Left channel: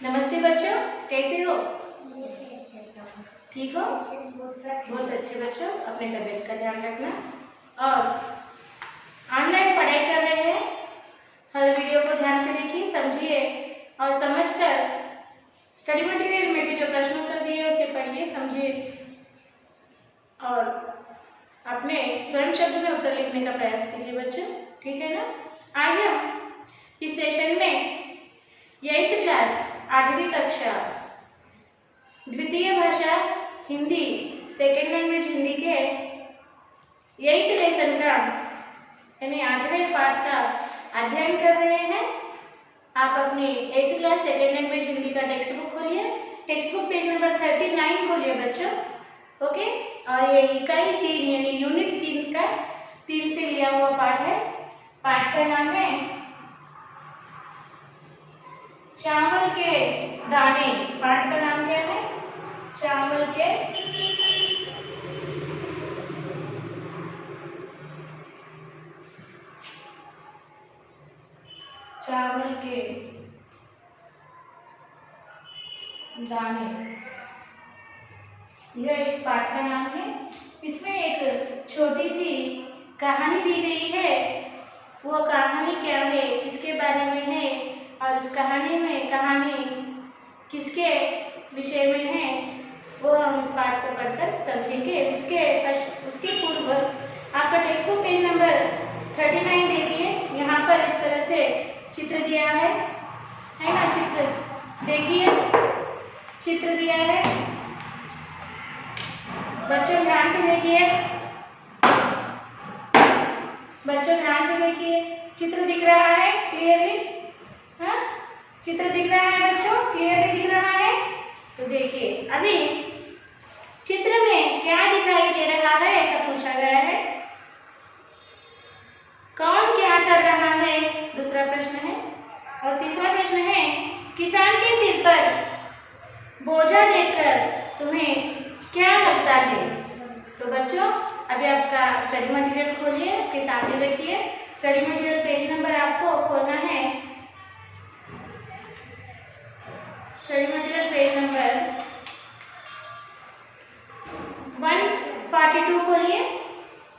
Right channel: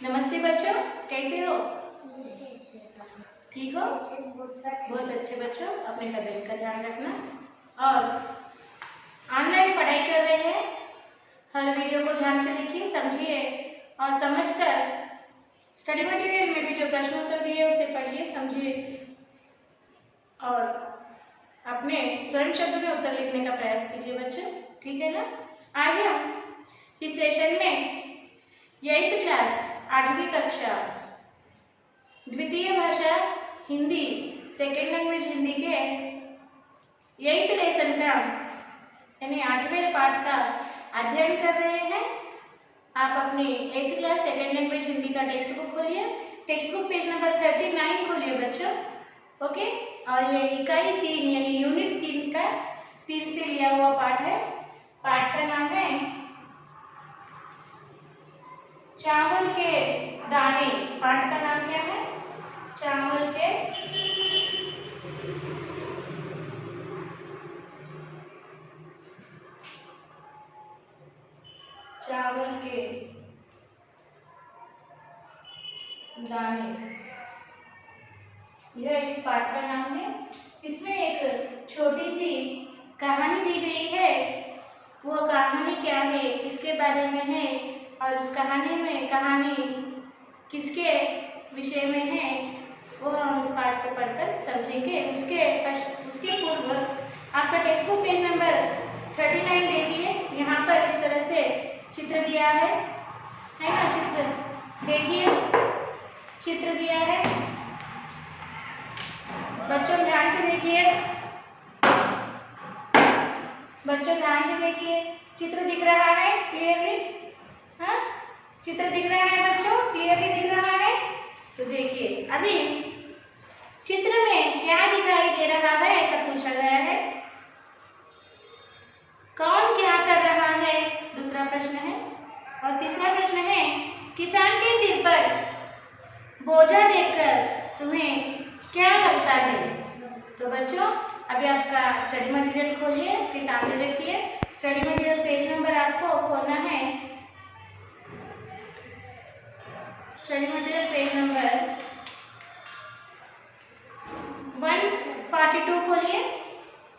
नमस्ते बच्चों, कैसे हो? ठीक हो? बहुत अच्छे बच्चों, अपने तबीयत का ध्यान रखना और ऑनलाइन पढ़ाई कर रहे हैं। हर वीडियो को ध्यान से देखिए, समझिए और समझकर स्टडी मटेरियल में भी जो प्रश्न उत्तर दिए उसे पढ़िए, समझिए और अपने स्वयं शब्द में उत्तर लिखने का प्रयास कीजिए बच्चों, ठीक है ना? आज हम इस सेशन में 8th क्लास 8वीं कक्षा द्वितीय भाषा हिंदी सेकेंड लैंग्वेज हिंदी के 8th लेसन का यानी 8वें पाठ का अध्ययन कर रहे हैं। आप अपनी 8th class second language Hindi का टेक्स्ट बुक खोलिए, टेक्स्ट बुक पेज नंबर 39 खोलिए बच्चों, ओके। और ये इकाई 3 यानी यूनिट 3 का 3 से लिया हुआ पाठ है। पाठ का नाम है चावल के दाने। पाठ का नाम क्या है? चावल के दाने, यह इस पाठ का नाम है। इसमें एक छोटी सी कहानी दी गई है। वो कहानी क्या है, किसके बारे में है और उस कहानी किसके विषय में है, वो हम इस पाठ को पढ़कर समझेंगे। उसके पूर्व आपका टेक्स्ट बुक पेज नंबर 39 देखिए। यहाँ पर इस तरह से चित्र दिया है ना? चित्र देखिए, चित्र दिया है बच्चों, ध्यान से देखिए। बच्चों ध्यान से देखिए, चित्र दिख रहा है क्लियरली? हाँ, चित्र दिख रहा है बच्चों, क्लियरली दिख रहा है? तो देखिए, अभी चित्र में क्या दिखाई दे रहा है ऐसा पूछा गया है। कौन क्या कर रहा है, दूसरा प्रश्न है। और तीसरा प्रश्न है, किसान के सिर पर बोझा देखकर तुम्हें क्या लगता है? तो बच्चों अभी आपका स्टडी मटेरियल खोलिए, आपके सामने रखिए। स्टडी मटेरियल पेज नंबर आपको खोलना है, स्टडी मटेरियल पेज नंबर 142 खोलिए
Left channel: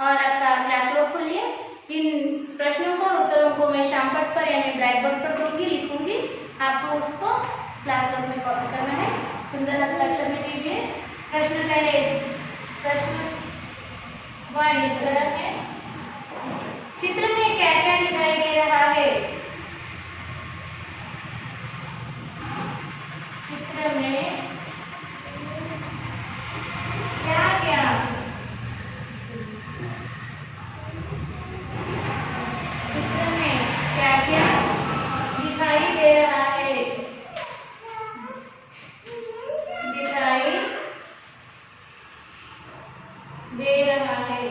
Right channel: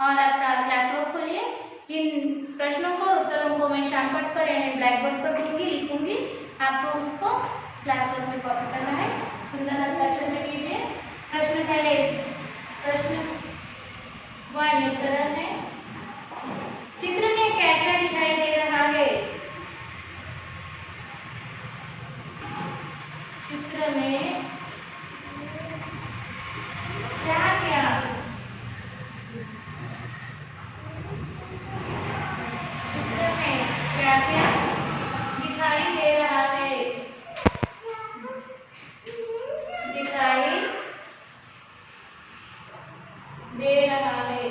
और आपका क्लास वर्क खोलिए। इन प्रश्नों को उत्तरों को मैं शाम पट पर यानी ब्लैक बोर्ड पर दूंगी, लिखूंगी। आपको उसको क्लास वर्क में कॉपी करना है, सुंदर हस्ताक्षर में कीजिए। प्रश्न पहले प्रश्न 1 इस तरह है, चित्र में क्या क्या दिखाई दे रहा है? चित्र में क्या क्या दिखाई दे रहा है? दिखाई दे रहा है,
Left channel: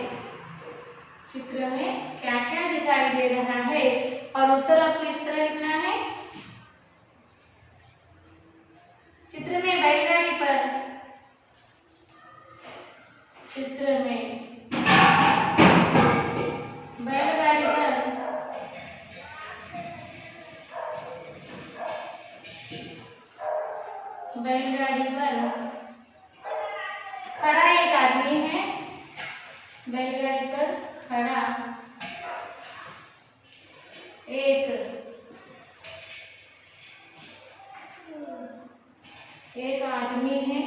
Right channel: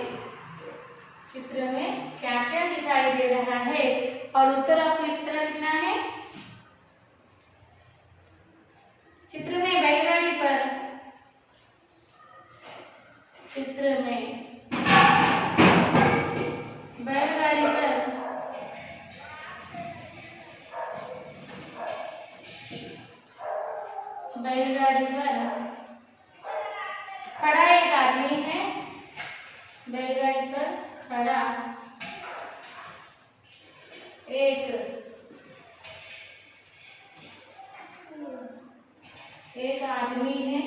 चित्र में क्या क्या दिखाई दे रहा है? और उत्तर आपको इस तरह लिखना है। चित्र में बैलगाड़ी पर, चित्र में बैलगाड़ी पर खड़ा एक आदमी है। बैलगाड़ी पर खड़ा एक आदमी है।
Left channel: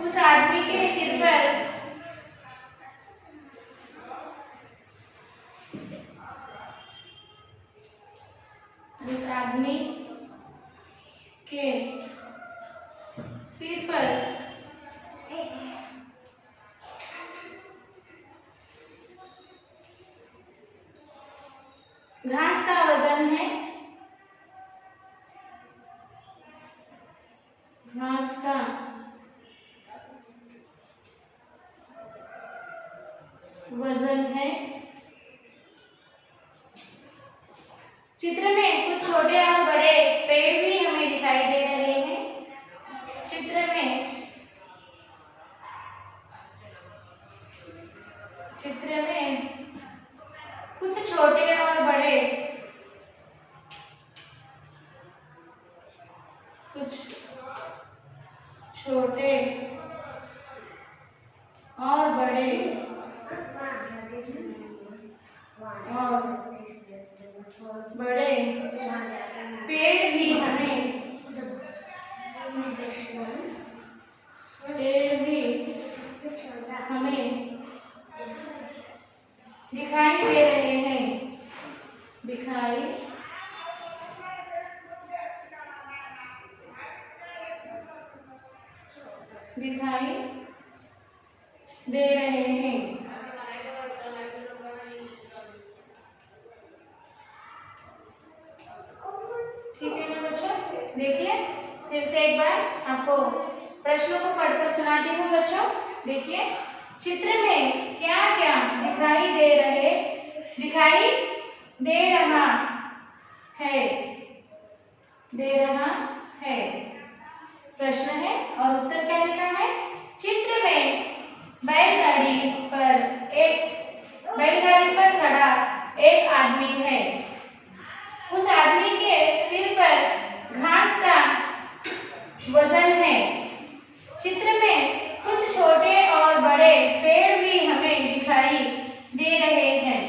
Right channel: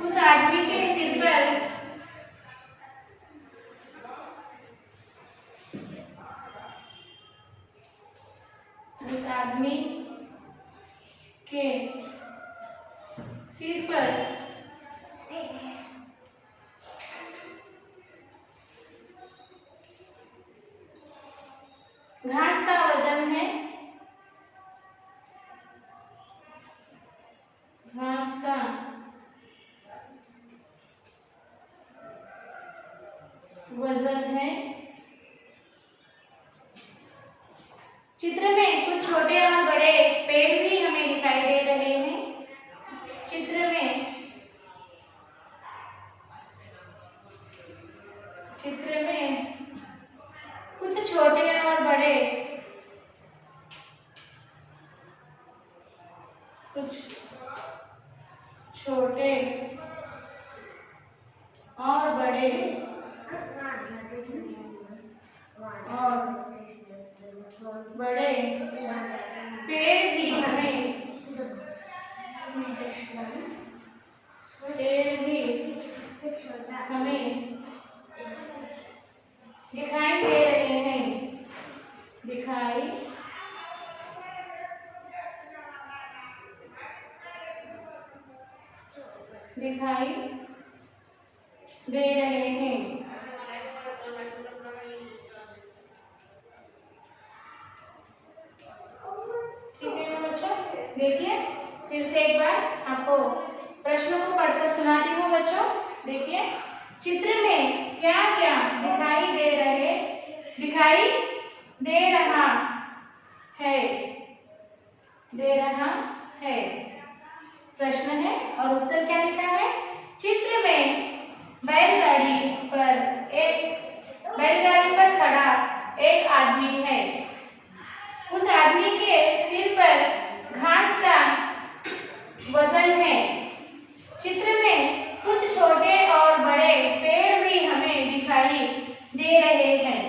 उस आदमी के सिर पर घास का वजन है। घास का वजन है। चित्र में कुछ छोटे और बड़े पेड़ भी हमें दिखाई दे रहे हैं। चित्र में कुछ छोटे और बड़े, कुछ छोटे और बड़े पेड़ भी हमें दिखाई दे रहे हैं, दिखाई दे रहे हैं। ठीक है ना बच्चों, देखिए फिर से एक बार आपको प्रश्नों को पढ़कर सुनाती हूँ बच्चों। देखिए, चित्र में क्या क्या दिखाई दे रहा है, प्रश्न है और उत्तर क्या लिखा है। चित्र में बैलगाड़ी पर खड़ा एक आदमी है। उस आदमी के सिर पर घास का वजन है। चित्र में कुछ छोटे और बड़े पेड़ भी हमें दिखाई दे रहे हैं।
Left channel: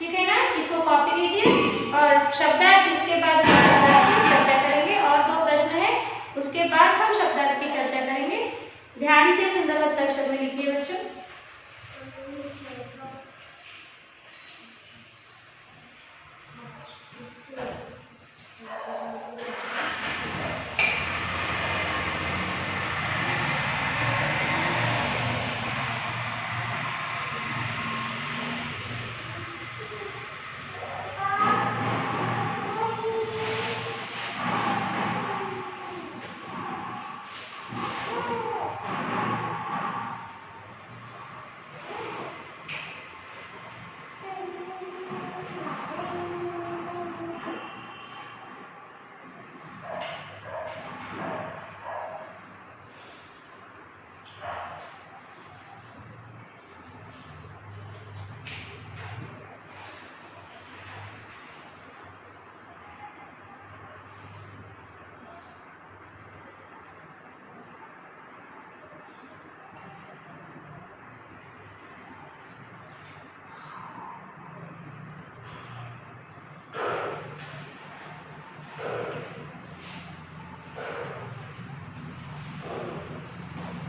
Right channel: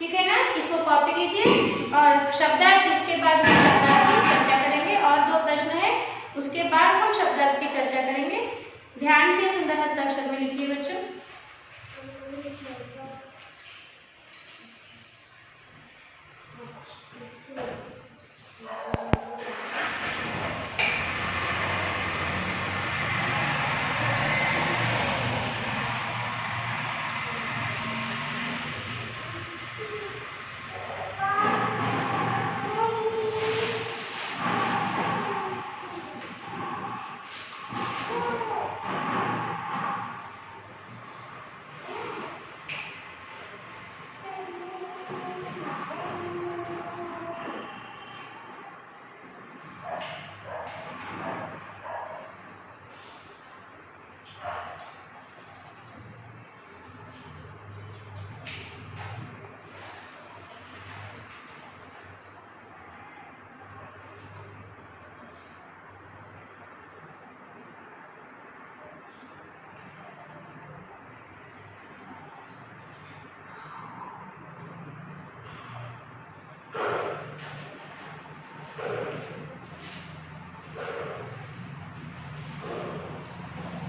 ठीक है ना, इसको कॉपी लीजिए और शब्दार्थ इसके बाद हम शब्दार्थ की चर्चा करेंगे और 2 प्रश्न है, उसके बाद हम शब्दार्थ की चर्चा करेंगे। ध्यान से सुंदर हस्ताक्षर में लिखिए बच्चों।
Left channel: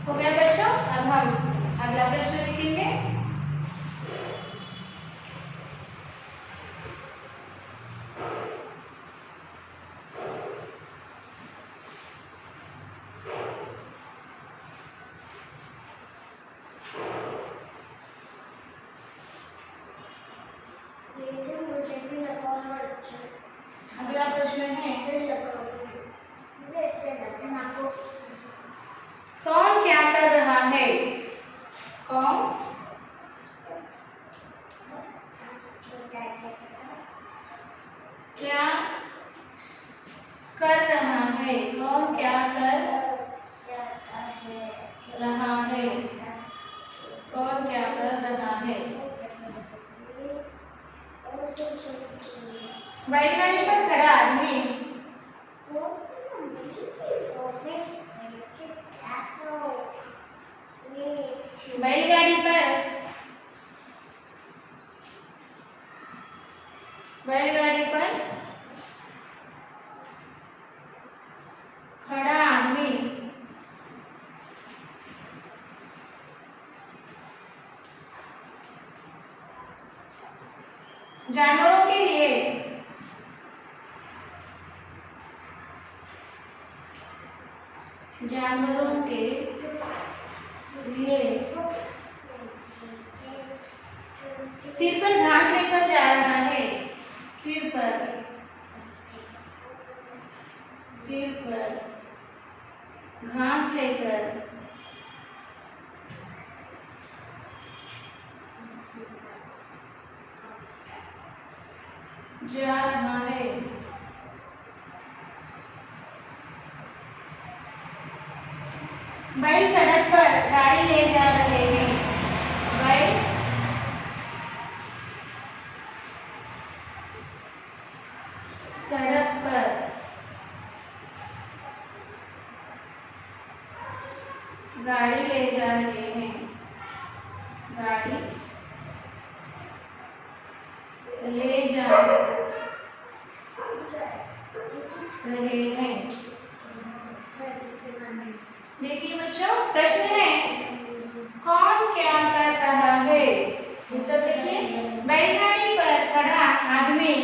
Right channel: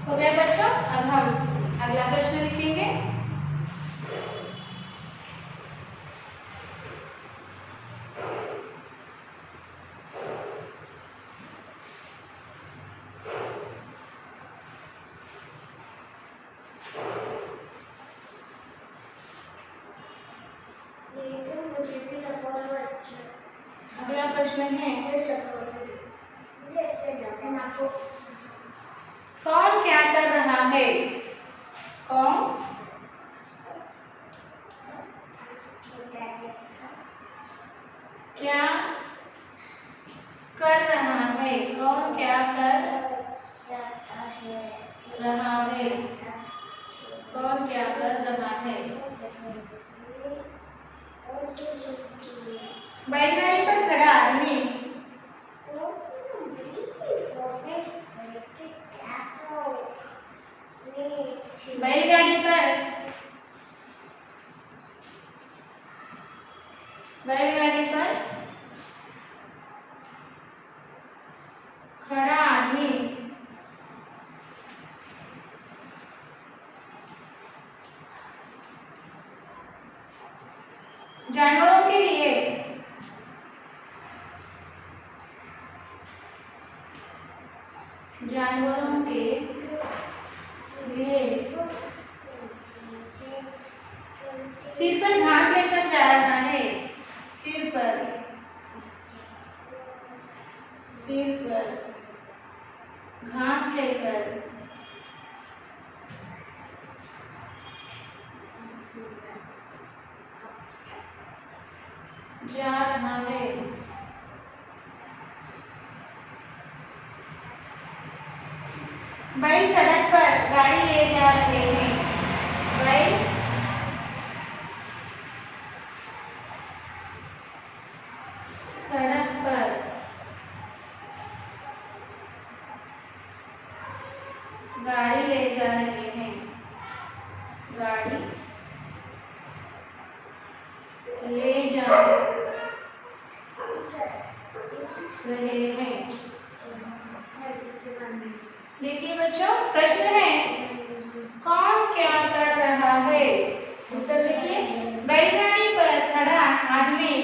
हो गया बच्चों, अब हम अगला प्रश्न लिखेंगे। अगला प्रश्न है, कौन क्या कर रहा है। कौन क्या कर रहा है। कौन क्या कर रहा है। कौन क्या कर रहा है। बैलगाड़ी पर खड़ा आदमी बैलगाड़ी पर खड़ा आदमी जानवरों के लिए सिर पर घास लेकर जा रहा है। सिर पर घास लेकर जा रहा है। बैल सड़क पर गाड़ी ले जा रहे हैं। बैल गाड़ी ले जा रहे हैं, गाड़ी ले जा रहे हैं। देखिए बच्चों, प्रश्न है कौन क्या कर रहा है। उत्तर देखिए, बैलगाड़ी पर खड़ा आदमी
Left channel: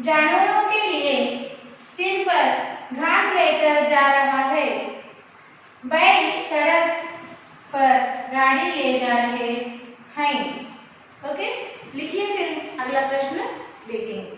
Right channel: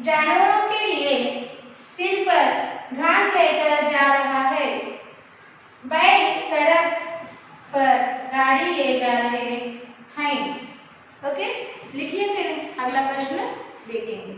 जानवरों के लिए सिर पर घास लेकर जा रहा है। बैल सड़क पर गाड़ी ले जा रहे हैं। ओके, लिखिए फिर अगला प्रश्न देखेंगे।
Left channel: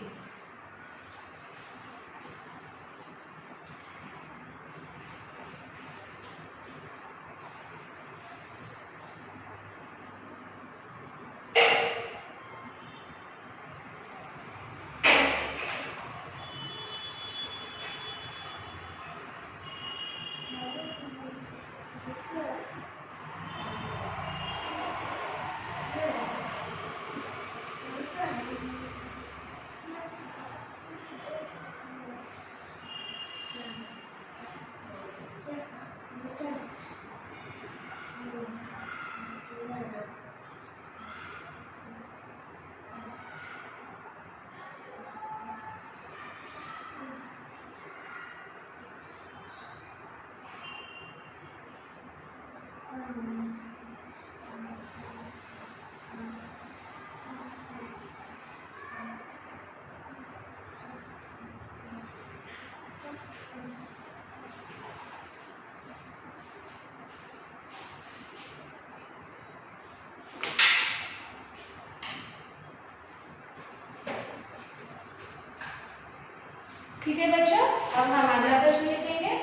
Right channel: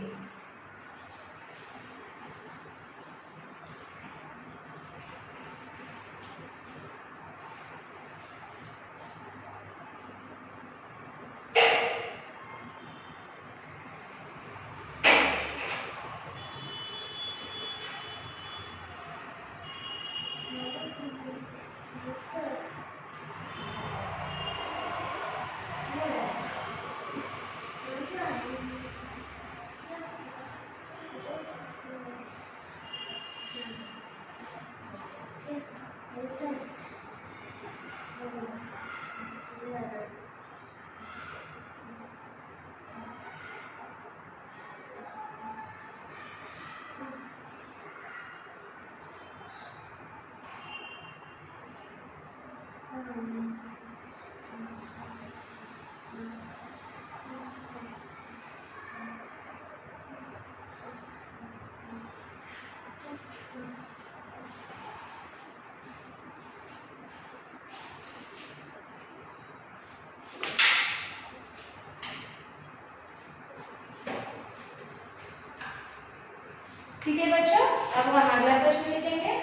ठीक है बच्चों, अब हम अगला प्रश्न लिखेंगे।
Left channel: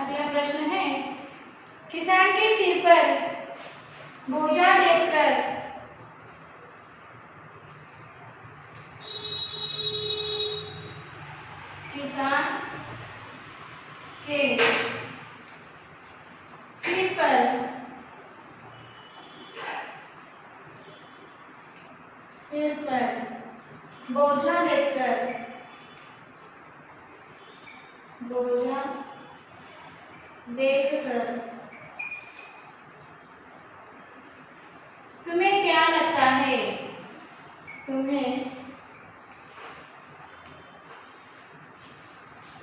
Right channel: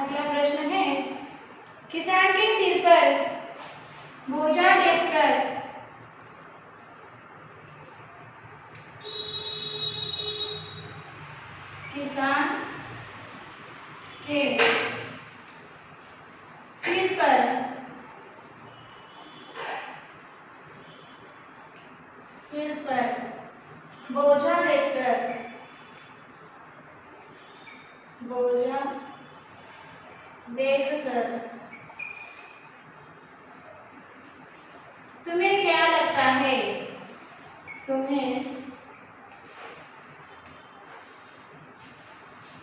अगला प्रश्न है किसान के सिर पर बोझा देखकर किसान के सिर पर बोझा देखकर तुम्हें क्या लगता है? तुम्हें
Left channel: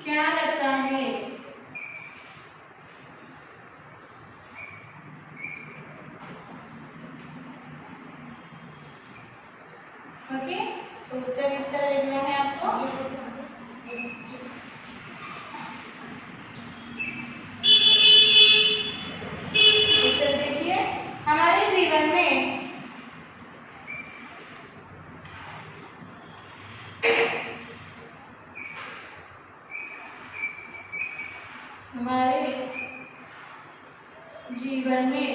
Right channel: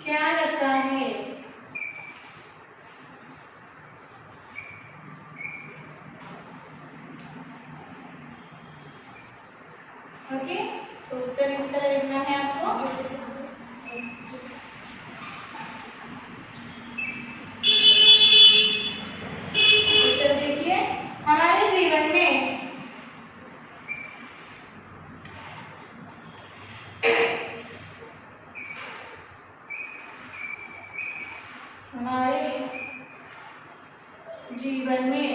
क्या लगता है? ओके, तो उत्तर इस तरह लिखना है आपको। उत्तर देखिए, हमारे जीवन में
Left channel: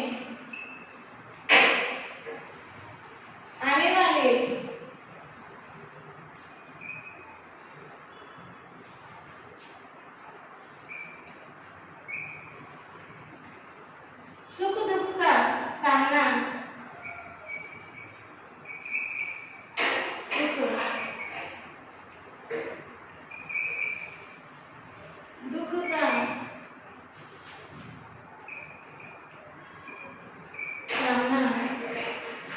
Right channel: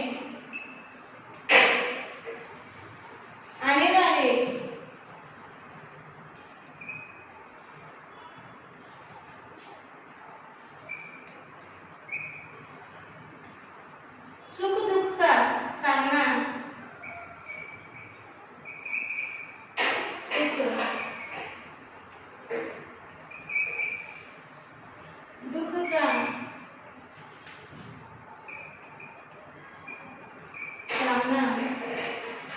आने वाले सुख दुख का सामना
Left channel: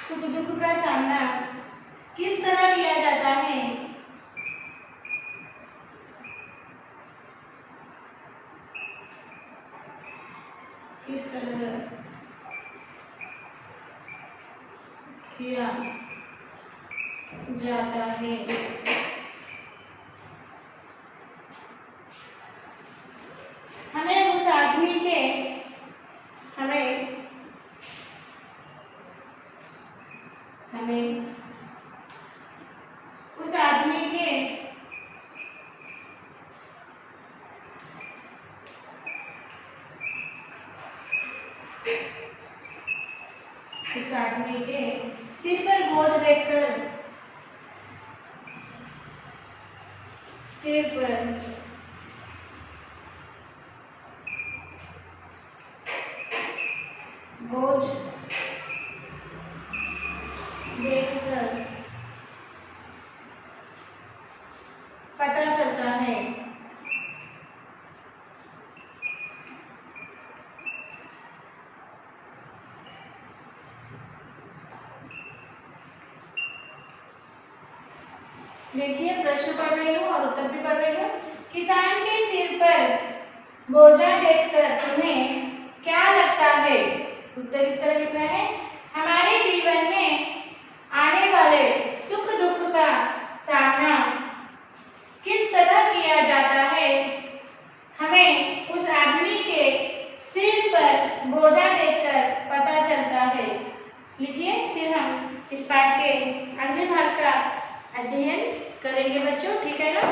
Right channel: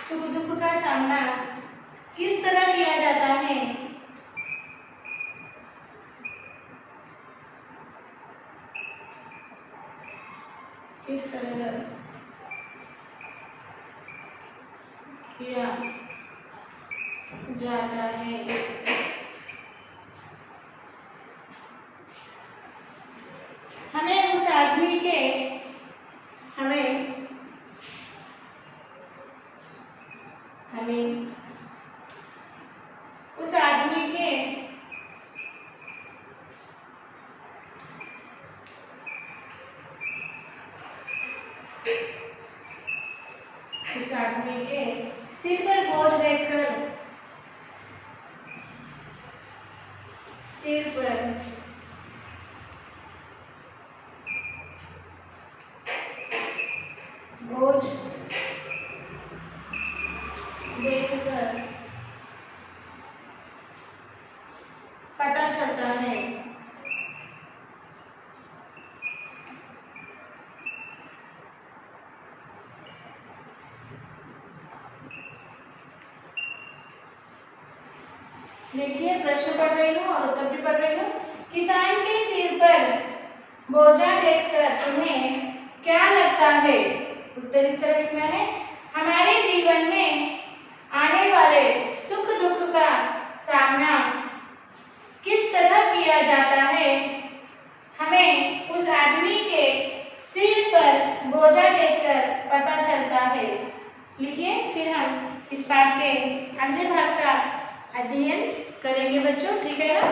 सुख दुख का सामना किस तरह किया जाता है? किस तरह किया जाता है? हमें उस आदमी के उस आदमी के सिर पर बोझ देखकर, सिर पर बोझ देखकर पता चलता है। देखिए प्रश्न पढ़ रही हूँ और उत्तर भी पढ़ रही हूँ। किसान के सिर पर बोझा देखकर तुम्हें क्या लगता है? उत्तर इस तरह लिखना है। हमारे जीवन में आने वाले सुख दुख का सामना किस तरह किया जाता है, हमें उस आदमी के सिर पर बोझा देखकर पता चलता है। लिखिए, फिर हम इस पाठ के अगले भाग का अध्ययन करेंगे बच्चों, ठीक है ना?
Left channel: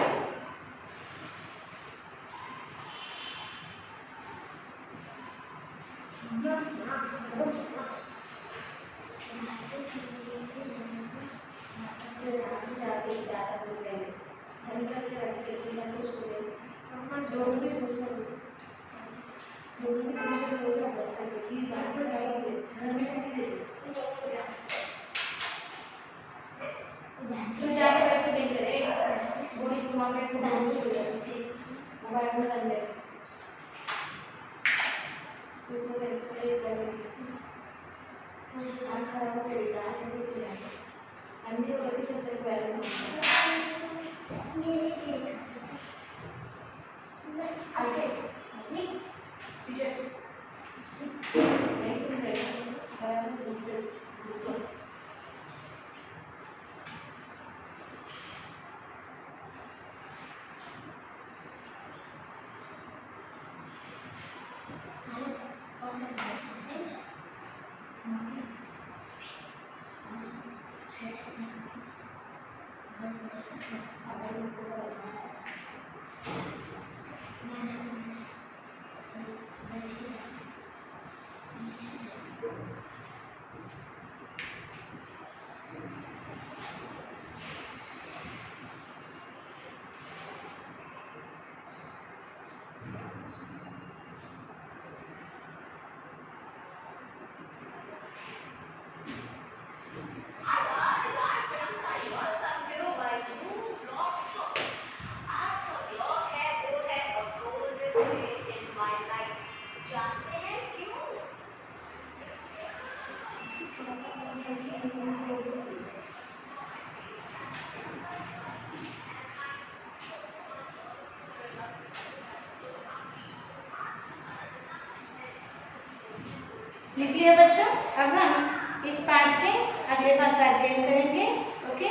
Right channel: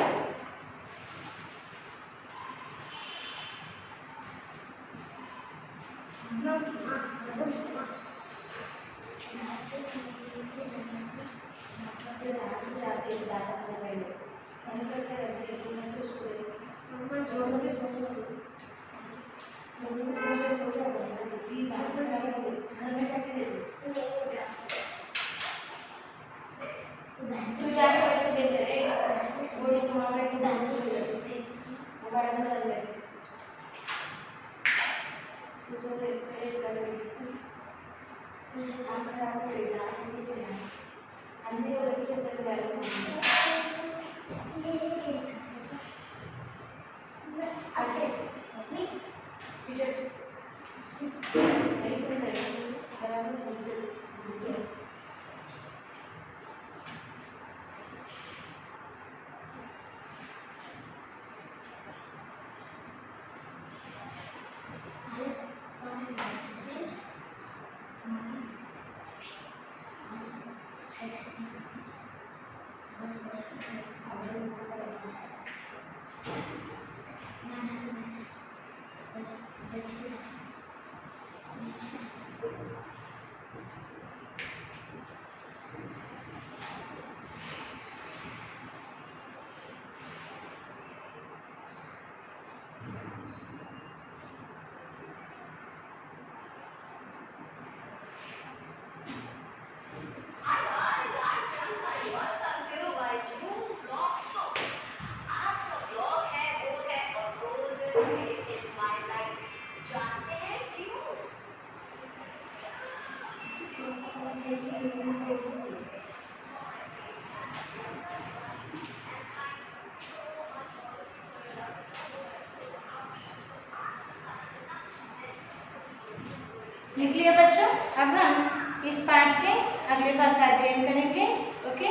लिख लिया बच्चों। अब हम इस पाठ के अगले भाग का अध्ययन करेंगे, ओके?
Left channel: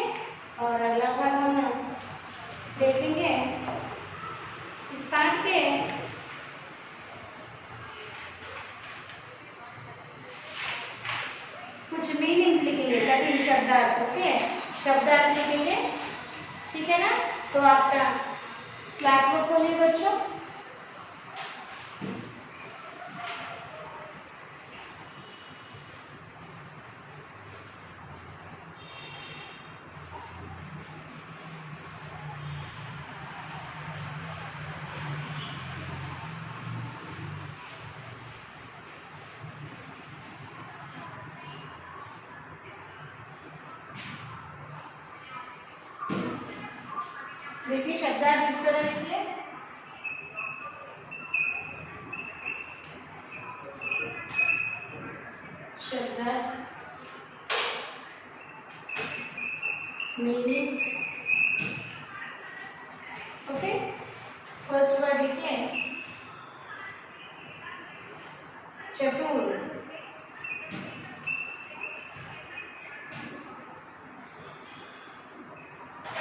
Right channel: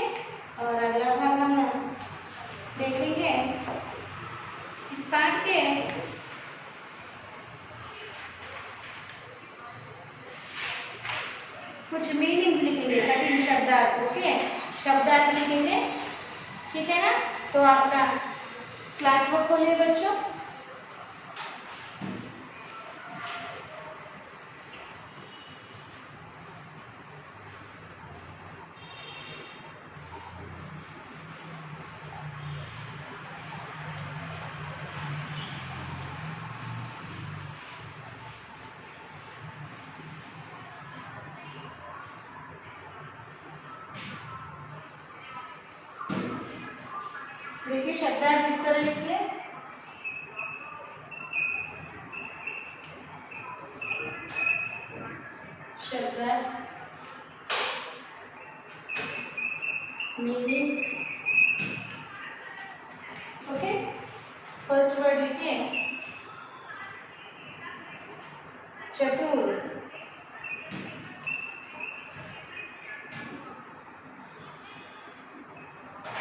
और अगला भाग हम देखेंगे इस पाठ के कुछ मीनिंग्स लिखेंगे, कठिन शब्दार्थ, ओके? शब्दार्थ लिखेंगे, ठीक है ना? तो आपका क्लास बुक खोलिए बच्चों। देखिए शब्दार्थ इस तरह लिखिए। शब्दार्थ, मीनिंग्स, ओके? फर्स्ट वर्ड लिखिए चतुर,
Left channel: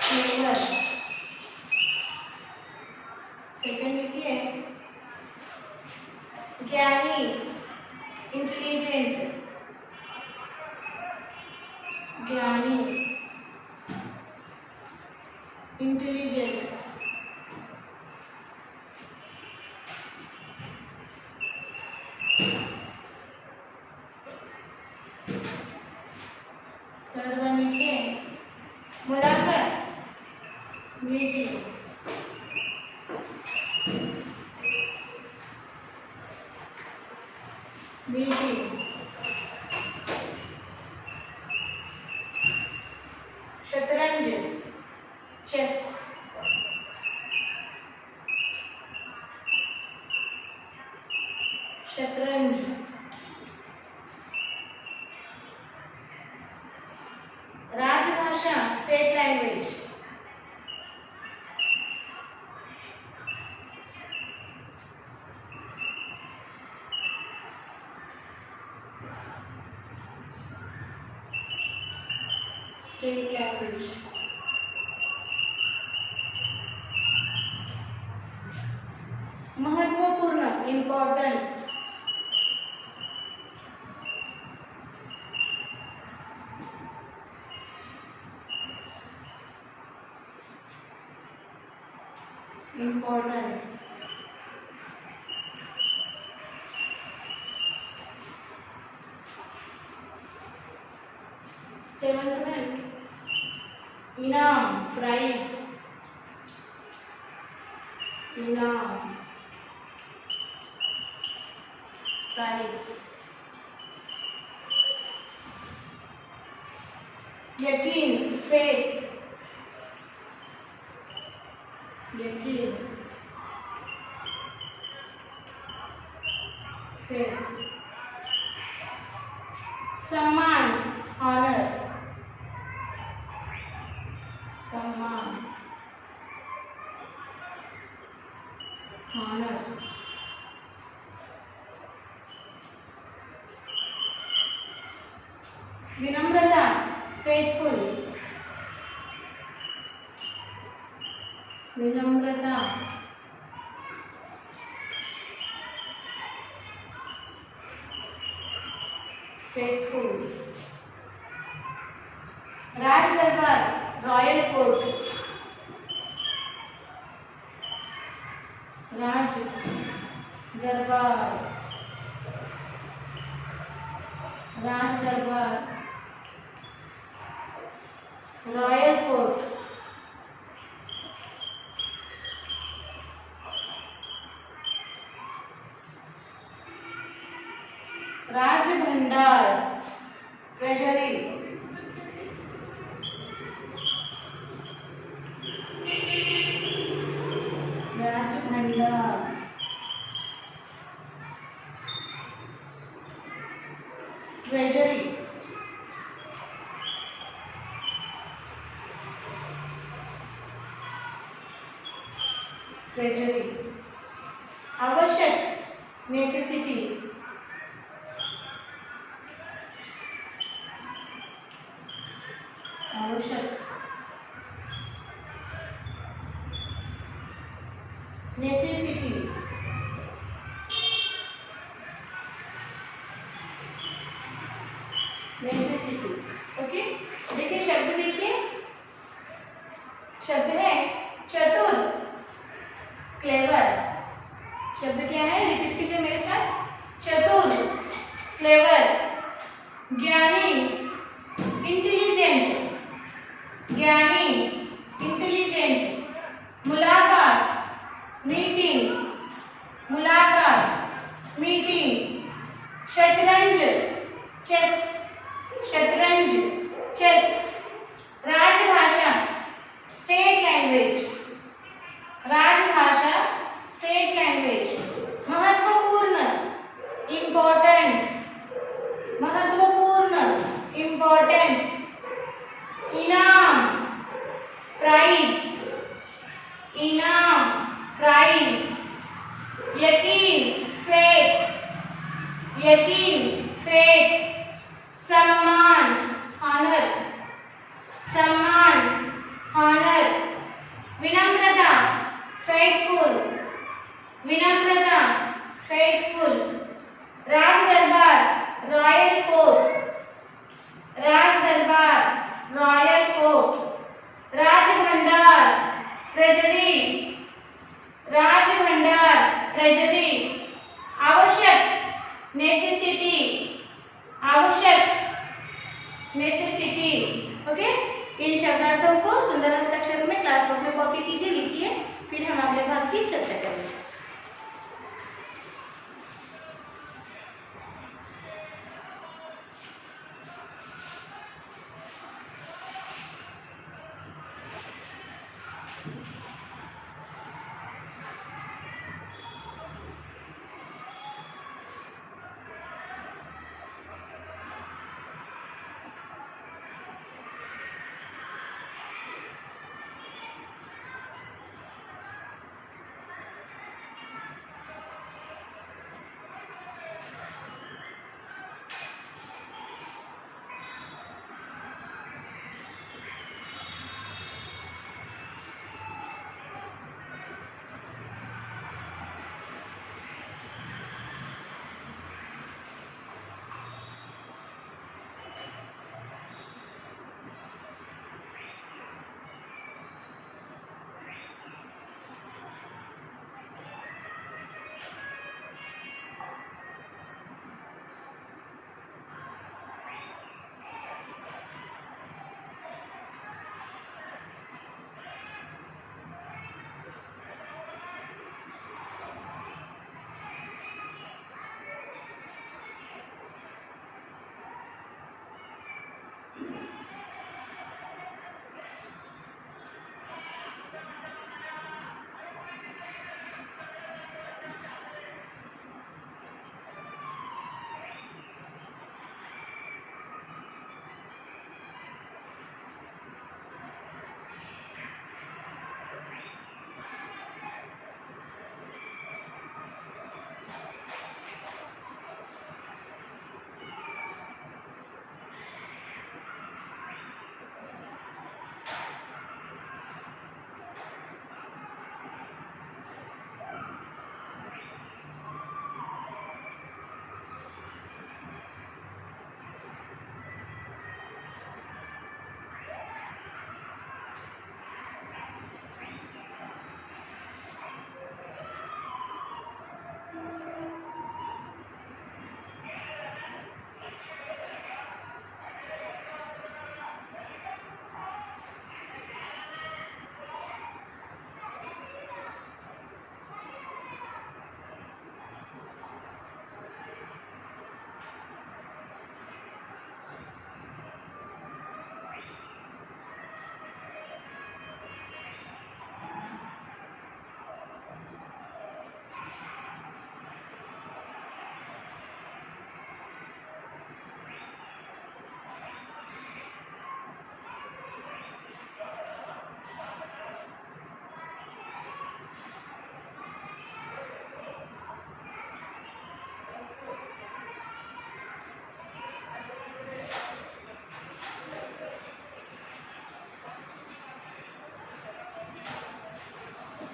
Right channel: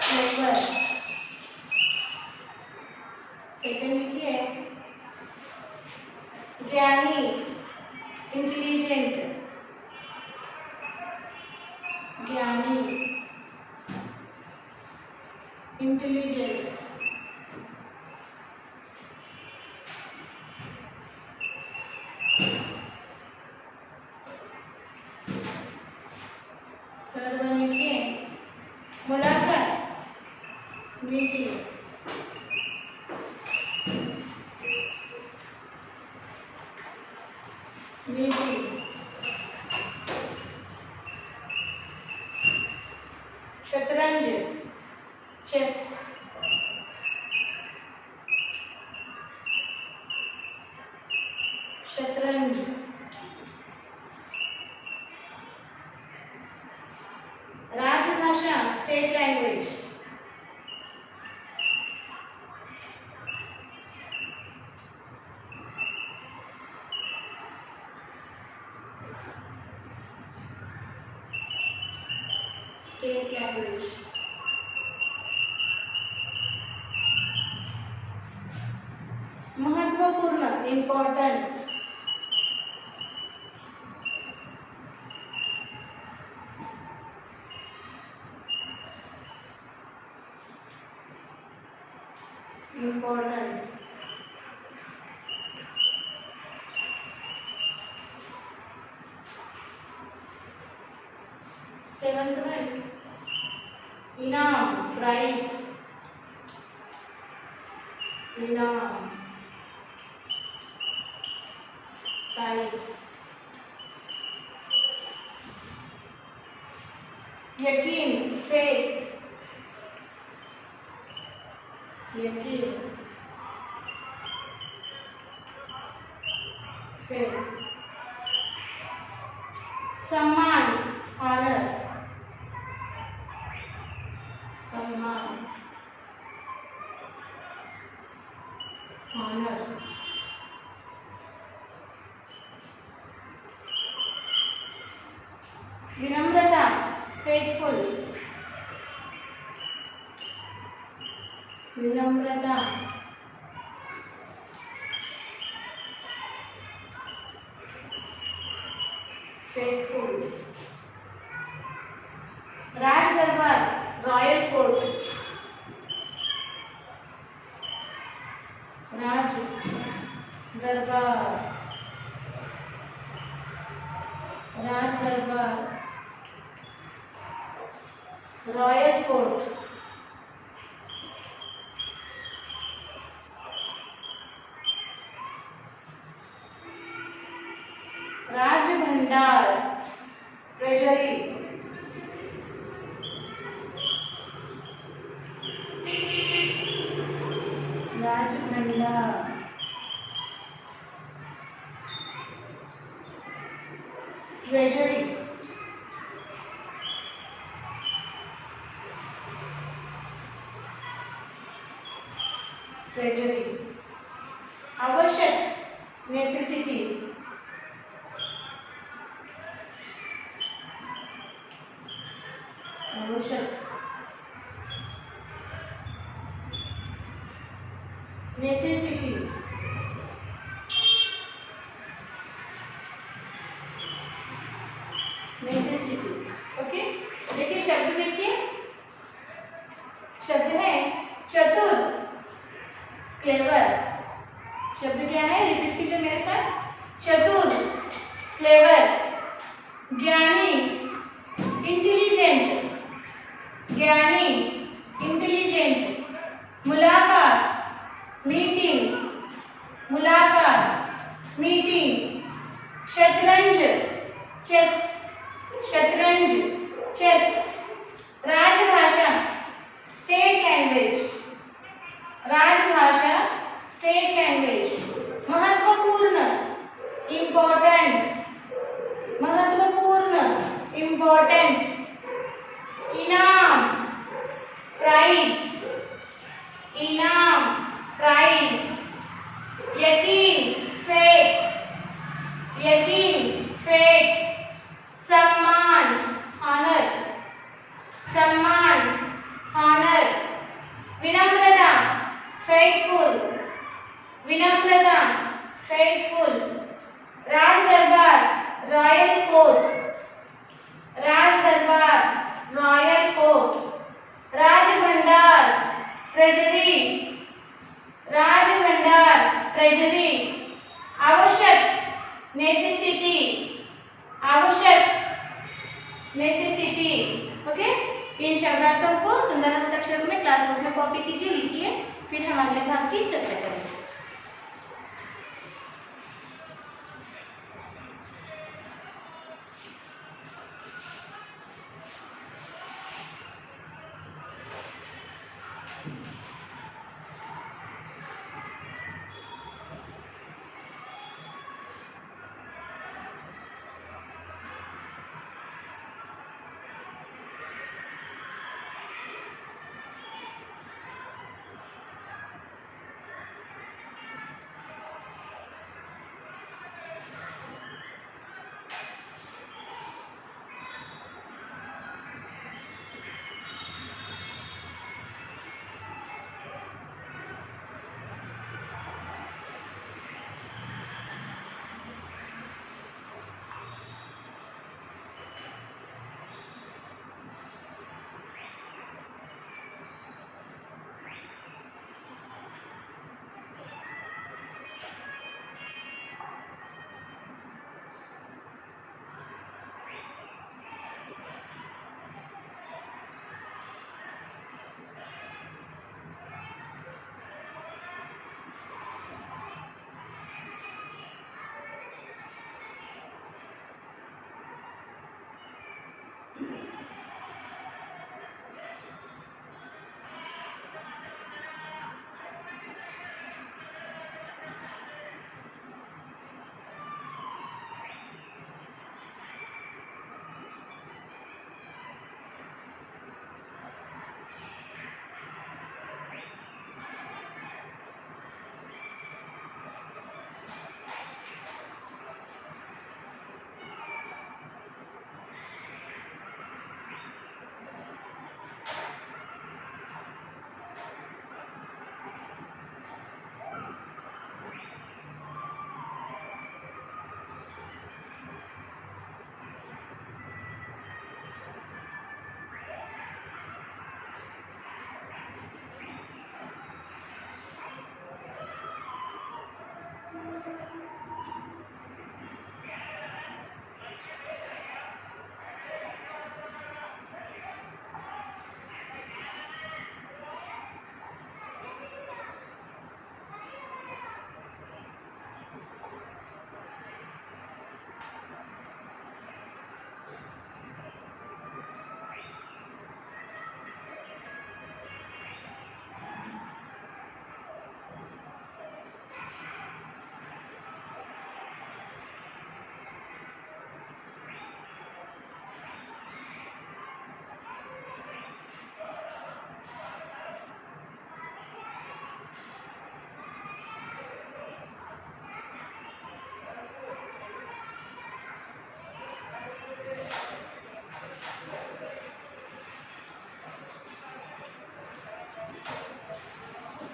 क्लेवर। सेकंड लिखिए ज्ञानी, इंटेलिजेंट, ज्ञानी, इंटेलिजेंट। सर्वनिके मुलाकात मीटिंग शतरंज चेस शतरंज राजभाषा स्टेट लैंग्वेज स्टेट लैंग्वेज महत्वपूर्ण इम्पोर्टेंट इम्पोर्टेंट सेवंथ में इनाम प्राइज इनाम प्राइज यकीन फेथ यकीन फेथ सम्मान ऑनर सम्मान ऑनर विनम्रता फेथफुल विनम्रता फेथफुल राज दरबार रॉयल कोर्ट राज दरबार राज दरबार रॉयल कोर्ट राज भंडार ट्रेजरी राज भंडार ट्रेजरी ट्रेजरी आवश्यक नेसेसिटी आवश्यक नेसेसिटी नेसेसिटी ओके। देखिए शब्द देखिए शब्द है चतुर क्लेवर शब्द क्या है रिपीट कीजिए मेरे साथ चतुर क्लेवर ज्ञानी इंटेलिजेंट ज्ञानी इंटेलिजेंट मुलाकात मीटिंग मुलाकात मीटिंग शतरंज चेस शतरंज चेस राजभाषा स्टेट लैंग्वेज राजभाषा स्टेट लैंग्वेज महत्वपूर्ण इम्पोर्टेंट महत्वपूर्ण इम्पोर्टेंट इनाम प्राइज इनाम प्राइज यकीन फेथ सम्मान ऑनर विनम्रता फेथफुल राज दरबार रॉयल कोर्ट राज भंडार ट्रेजरी आवश्यक नेसेसिटी ओके, इन शब्दार्थों को सुंदर हस्ताक्षर में क्लासबुक में कॉपी कीजिए, लिखिए, फिर हम अगले भाग की चर्चा करेंगे।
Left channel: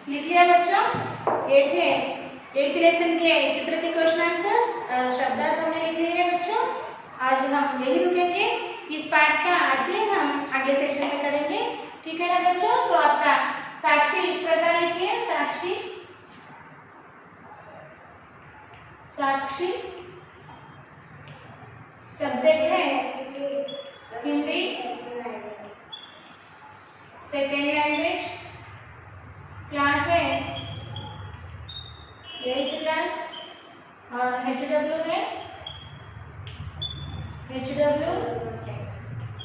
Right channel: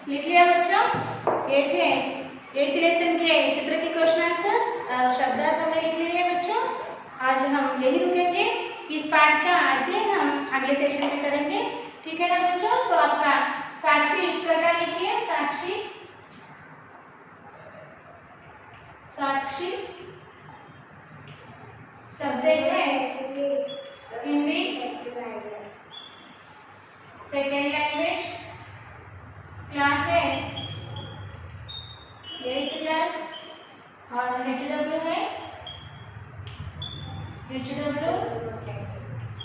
लिख लिया बच्चों? ये थे 8th लेसन के चित्र के क्वेश्चन आंसर्स और शब्दार्थ हमने लिख लिए हैं बच्चों। आज हम यही रुकेंगे, इस पाठ का अध्ययन हम अगले सेशन में करेंगे, ठीक है ना बच्चों? तो आपका साक्षी इस प्रकार लिखिए, साक्षी, साक्षी सब्जेक्ट है हिंदी, सेकेंड लैंग्वेज, क्लास है 8th क्लास और HW है HW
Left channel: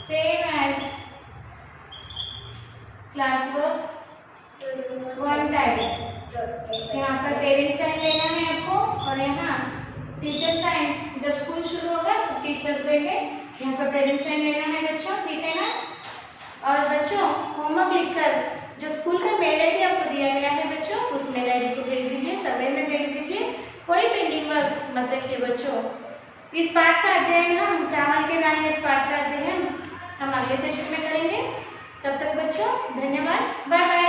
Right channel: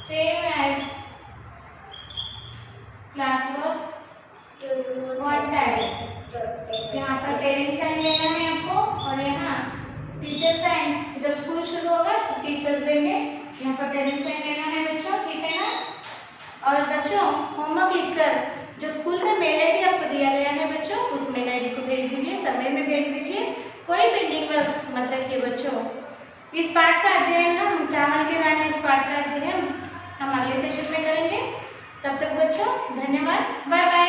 same as class work 1 type. यहाँ पर पेरेंट्स साइन लेना है आपको और यहाँ टीचर साइन, जब स्कूल शुरू होगा तो टीचर्स देंगे, यहाँ पर पेरेंट्स साइन लेना है बच्चों, ठीक है ना? और बच्चों होमवर्क लिखकर जो स्कूल का मेल आईडी आपको दिया गया है बच्चों, उस मेल आईडी को भेज दीजिए, समय में भेज दीजिए, कोई पेंडिंग वर्क मत रखिए बच्चों। इस पाठ का अध्ययन हम चावल के दाने इस पाठ का अध्ययन हम अगले सेशन में करेंगे। तब तक बच्चों धन्यवाद, बाय बाय।